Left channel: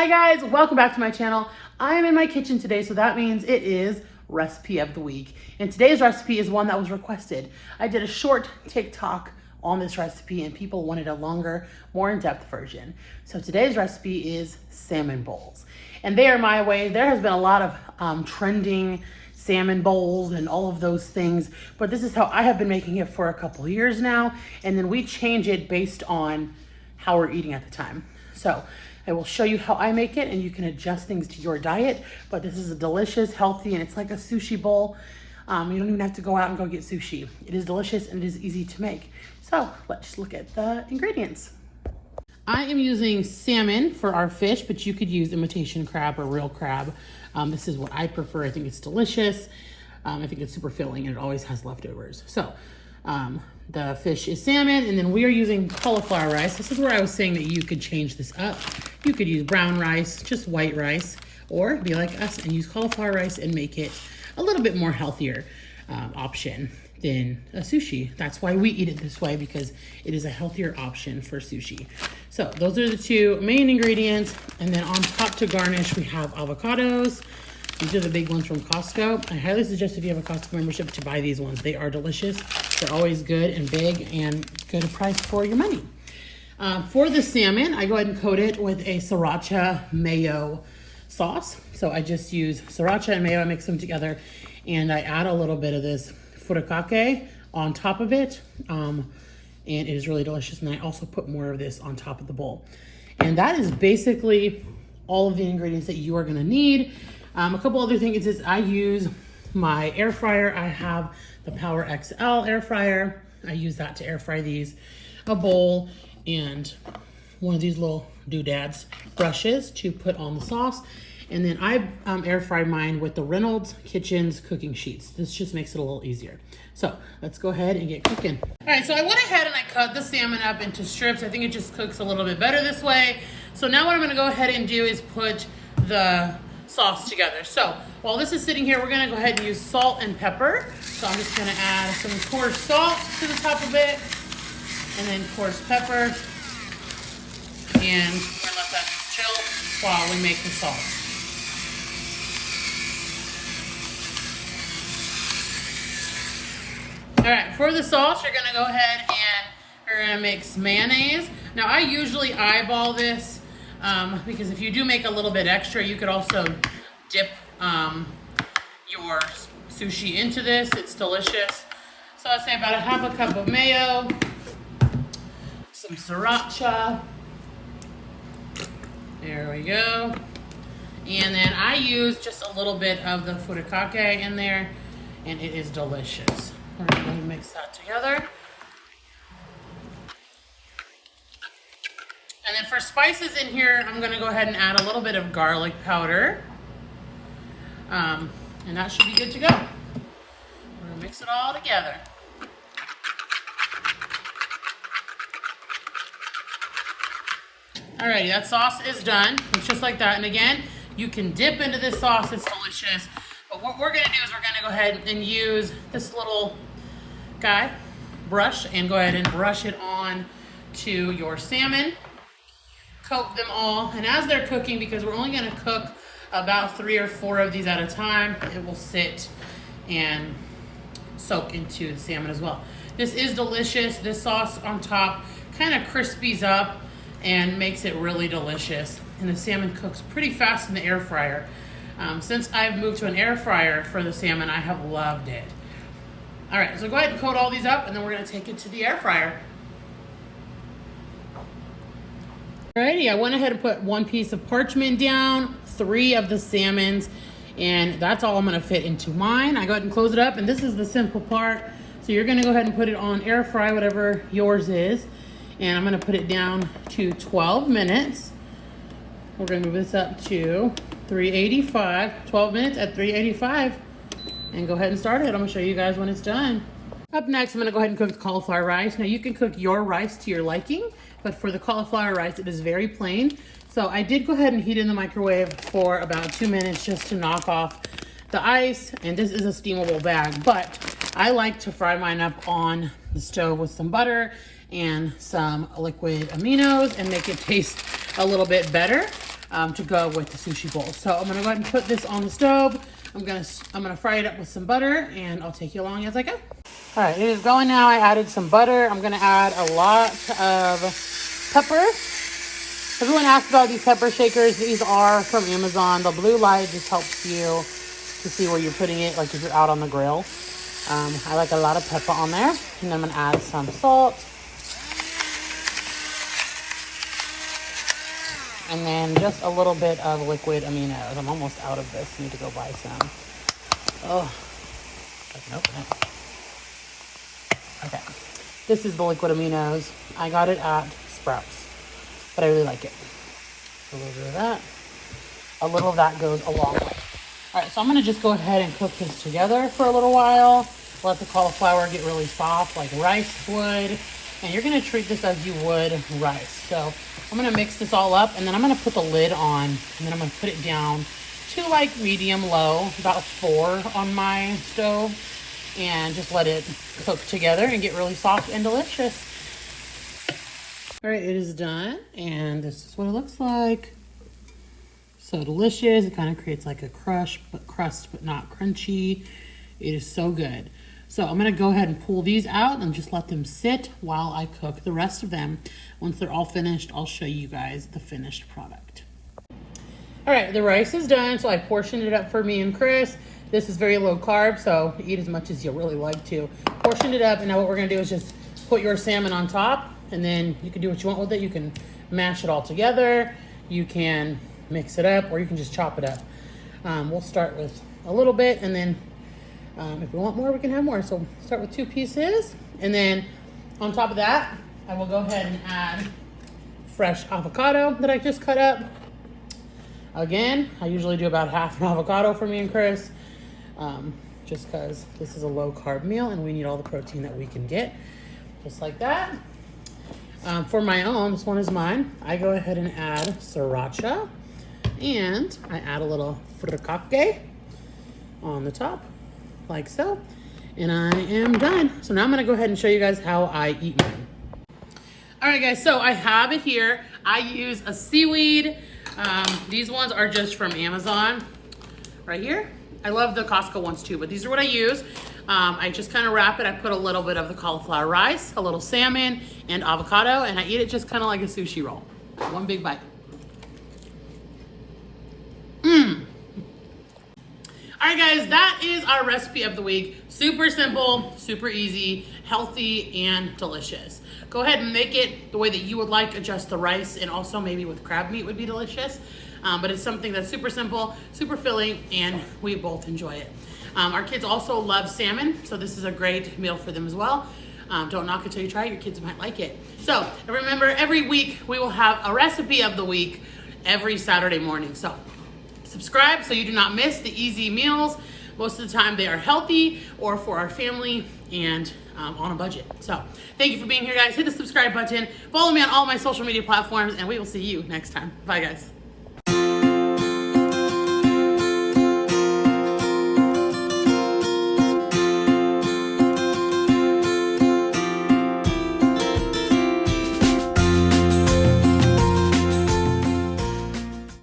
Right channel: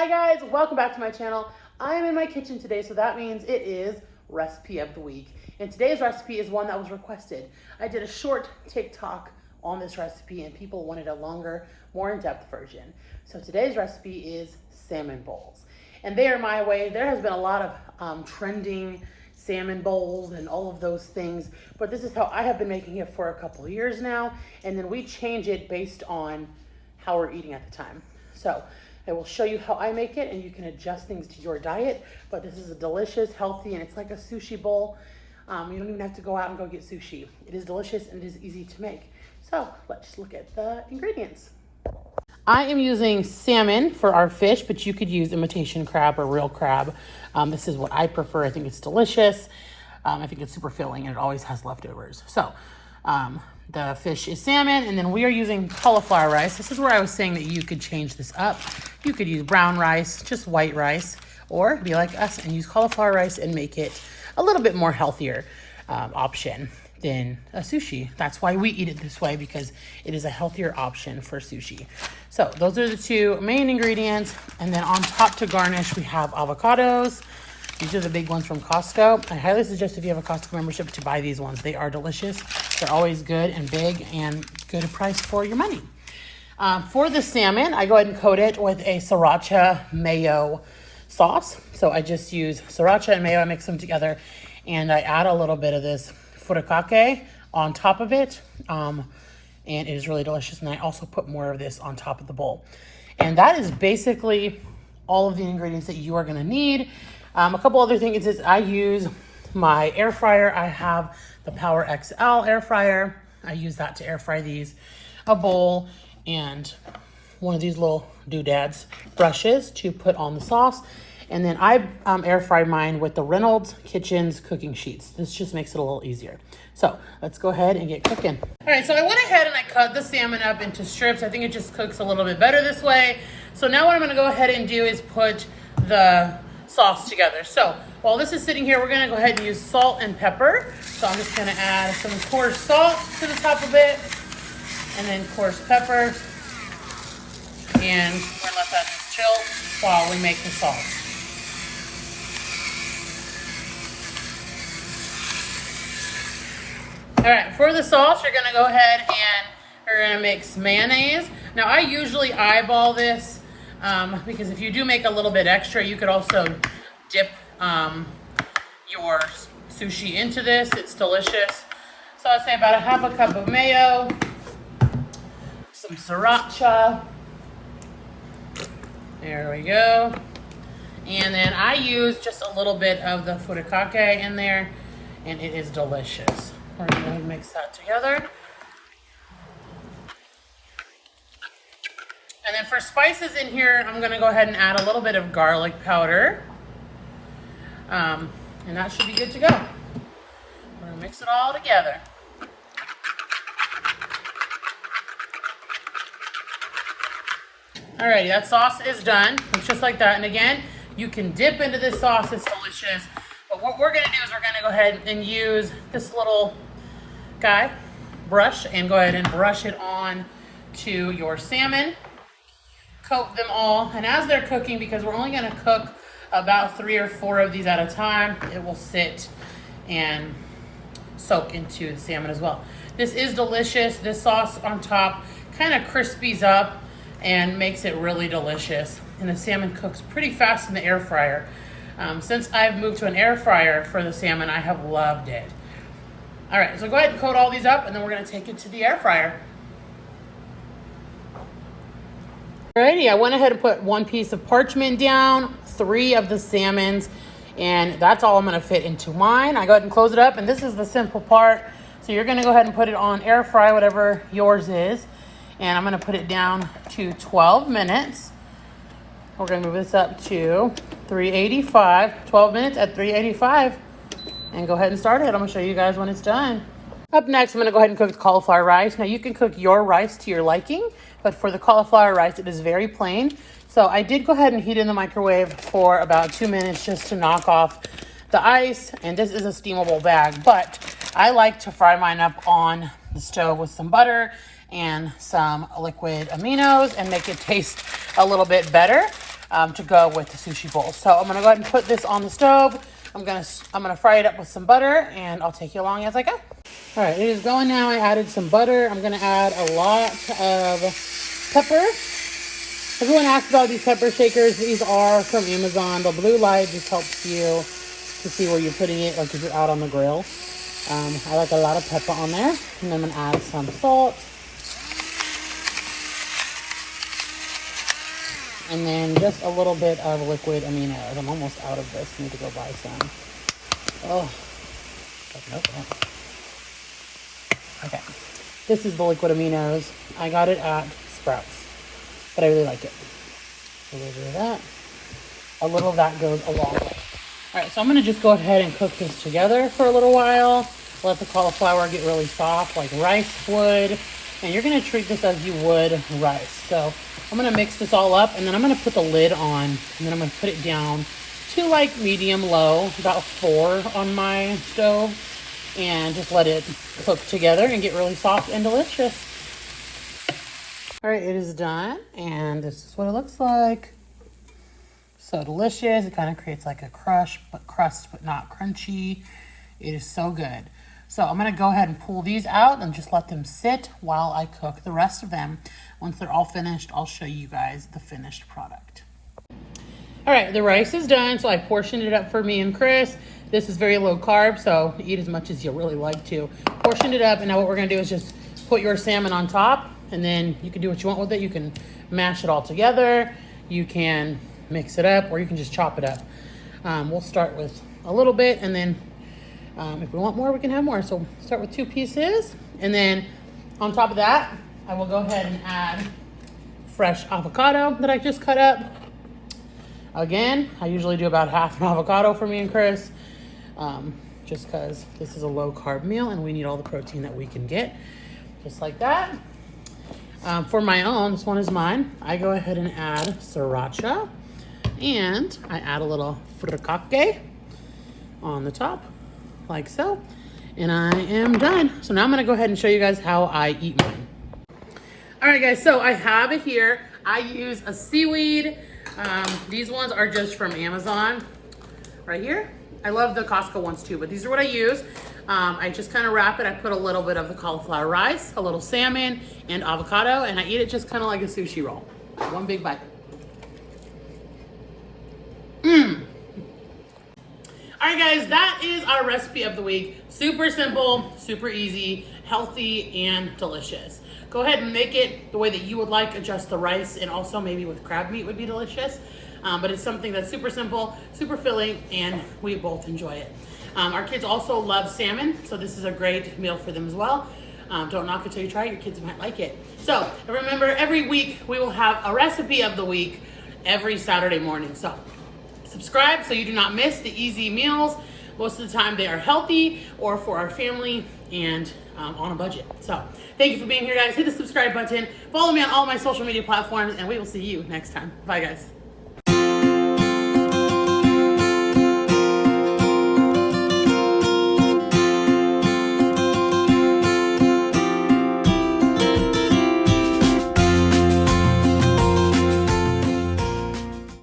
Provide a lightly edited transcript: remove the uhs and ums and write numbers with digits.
Hi guys, welcome back to my channel. I am in my kitchen today, so that means it is recipe of the week. And today's recipe is one that was requested. I did a short TikTok on this recipe and people wanted a longer, more in-depth version. So today's recipe is salmon bowls. And they are my way. There has been a lot of trending salmon bowls and all of those things, but this is how I have been making it for a couple years now. And then we change it based on how we're eating at the time. So I will show you how I make it and you can adjust things to your diet, but this is a delicious, healthy, and it's like a sushi bowl. You don't even have to go out and go get sushi. It is delicious and it is easy to make. So let's look at the ingredients. I am using salmon for our fish, but you could use imitation crab or real crab. This is what I prefer. I think it's delicious. I think it's super filling and it always has leftovers. So the fish is salmon, and then we are using cauliflower rice. This is where I was saying that you could change this up. You could use brown rice, just white rice, or be like us and use cauliflower rice and make it a little bit more healthier option than a sushi. That's why we eat it this way, because it is a healthier option for sushi. So those are the two main ingredients. And then on top to garnish, we have avocados. These are the big ones from Costco. I highly suggest if you have a Costco membership to buy these ones. They are delicious. They're always good and big and good price for your money. For the salmon, I go ahead and coat it with a sriracha mayo sauce. So I just use sriracha and mayo. I mix them together and I add a little bit of this furikake on top of it. And it is really delicious. And I also put more of this on top of the bowl. And that is basically all of the ingredients that you are gonna need. A couple other things is I use my air fryer. I have the Power XL air fryer. I use that to air fry these, a bowl, and one of these little doodads brushes to put on the sauce. And then I air fry mine with the Reynolds Kitchens cooking sheets. This just makes it a little easier. So let's go ahead and get cooking. All right, so I went ahead and I cut the salmon up into strips. I think it just cooks a little bit better this way. So now what I'm gonna go ahead and do is put the sauce together. So while this is sitting here, we're gonna go ahead and use salt and pepper. So I'm just gonna add some coarse salt to the top of it, and then coarse pepper. And we're gonna let that just chill while we make the sauce. All right, for the sauce, you're gonna go ahead and we're gonna mix mayonnaise. Now I usually eyeball this because if you do make a little bit extra, you could also dip your sushi into this. It's delicious. So I'd say about a half a cup of mayo, some sriracha. There we go. And then I use just a little bit of the furikake in there, and it is delicious. We're gonna mix that together. And then for spices in here, I'm gonna go ahead and add a little bit of garlic powder. And that should be good to go. We're gonna mix it all together. Alrighty, that sauce is done. It's just like that. And again, you can dip into this sauce, it's delicious. But what we're gonna do is we're gonna go ahead and use this little guy, brush, and go ahead and brush it on to your salmon. Coat them all, and as they're cooking, because we're only gonna cook about 3 or 4 of these at a time, it will sit and soak into the salmon as well. This is delicious. This sauce on top kind of crispies up and makes it really delicious. And the salmon cooks pretty fast in the air fryer. Since I've moved to an air fryer for the salmon, I have loved it. All right, so go ahead and coat all these up, and then we're gonna take it to the air fryer. Alrighty, I went ahead and put 1 piece of parchment down, 3 of the salmons, and that's all I'm gonna fit into mine. I go ahead and close it up, and this is the simple part. So you're gonna go ahead and put it on air fry, whatever yours is, and I'm gonna put it down to 12 minutes. We're gonna move this up to 385, 12 minutes at 385, and go ahead and start it. I'm gonna show you guys when it's done. Up next, I'm gonna go ahead and cook the cauliflower rice. Now you can cook your rice to your liking, but for the cauliflower rice, it is very plain. So I did go ahead and heat in the microwave for about 2 minutes just to knock off the ice. And this is a steamable bag, but I like to fry mine up on the stove with some butter and some liquid aminos and make it taste a little bit better. to go with the sushi bowl. So I'm gonna go ahead and put this on the stove. I'm gonna fry it up with some butter, and I'll take you along as I go. All right, it is going now. I added some butter. I'm gonna add a lot of pepper. Everyone asks about these pepper shakers. These are from Amazon. The blue light just helps you to see where you're putting it, like if you're out on the grill. I like a lot of pepper on there. And I'm gonna add some salt. And then just a little bit of liquid aminos. I'm almost out of this. I need to go buy some. Oh, nope. Okay. This is the liquid aminos. I got it at Sprouts, but I really like it. A little bit of that. A little of that goes a long way. All right, so I'm gonna just go ahead and cook this together for a little while. Let the cauliflower get really soft like rice would. And you're gonna treat this as you would rice. So I'm gonna mix this all up, and then I'm gonna put the lid on, and then I'm gonna put it down to like medium low, about 4 on my stove, and just let it cook together and get really soft and delicious. All right, it is done, and this is what it looks like. So delicious. It kind of creates like a crust, but not crunchy. It is so good. So I'm gonna go ahead and pull these out and just let them sit while I cook the rest of them. Once they're all finished, I'll show you guys the finished product. All right, the rice is done, so I portioned it up for me and Chris. This is very low carb, so eat as much as you really like to. Portioned it up, and now what we're gonna do is just put your salmon on top, and then you can do what you want with it. You can mash it all together, you can mix it up, or you can just chop it up. We'll start with a little bit, and then if we want more, we can have more. So start with 2 pieces, and then on top of that, I will go ahead and add fresh avocado that I just cut up. Again, I usually do about half an avocado for me and Chris, just because this is a low carb meal and we need all the protein that we can get, just like that. For my own, this one is mine, I go ahead and add sriracha, and I add a little furikake on the top, like so, and I am done. So now I'm gonna go ahead and show you guys how I eat mine. All right, guys, so I have it here. I use a seaweed. These ones are just from Amazon, right here. I love the Costco ones too, but these are what I use. I just kind of wrap it. I put a little bit of the cauliflower rice, a little salmon, and avocado, and I eat it just kind of like a sushi roll. One big bite. All right, guys, that is our recipe of the week. Super simple, super easy, healthy, and delicious. Go ahead and make it the way that you would like. Adjust the rice, and also maybe with crab meat would be delicious. But it's something that's super simple, super filling, and we both enjoy it. Our kids also love salmon, so this is a great meal for them as well. Don't knock it till you try it. Your kids might like it. So remember, every week we will have a recipe of the week every Saturday morning. So subscribe so you do not miss the easy meals. Most of the time they are healthy or for our family and on a budget. So thank you for being here, guys. Hit the subscribe button. Follow me on all my social media platforms, and we will see you next time. Bye, guys.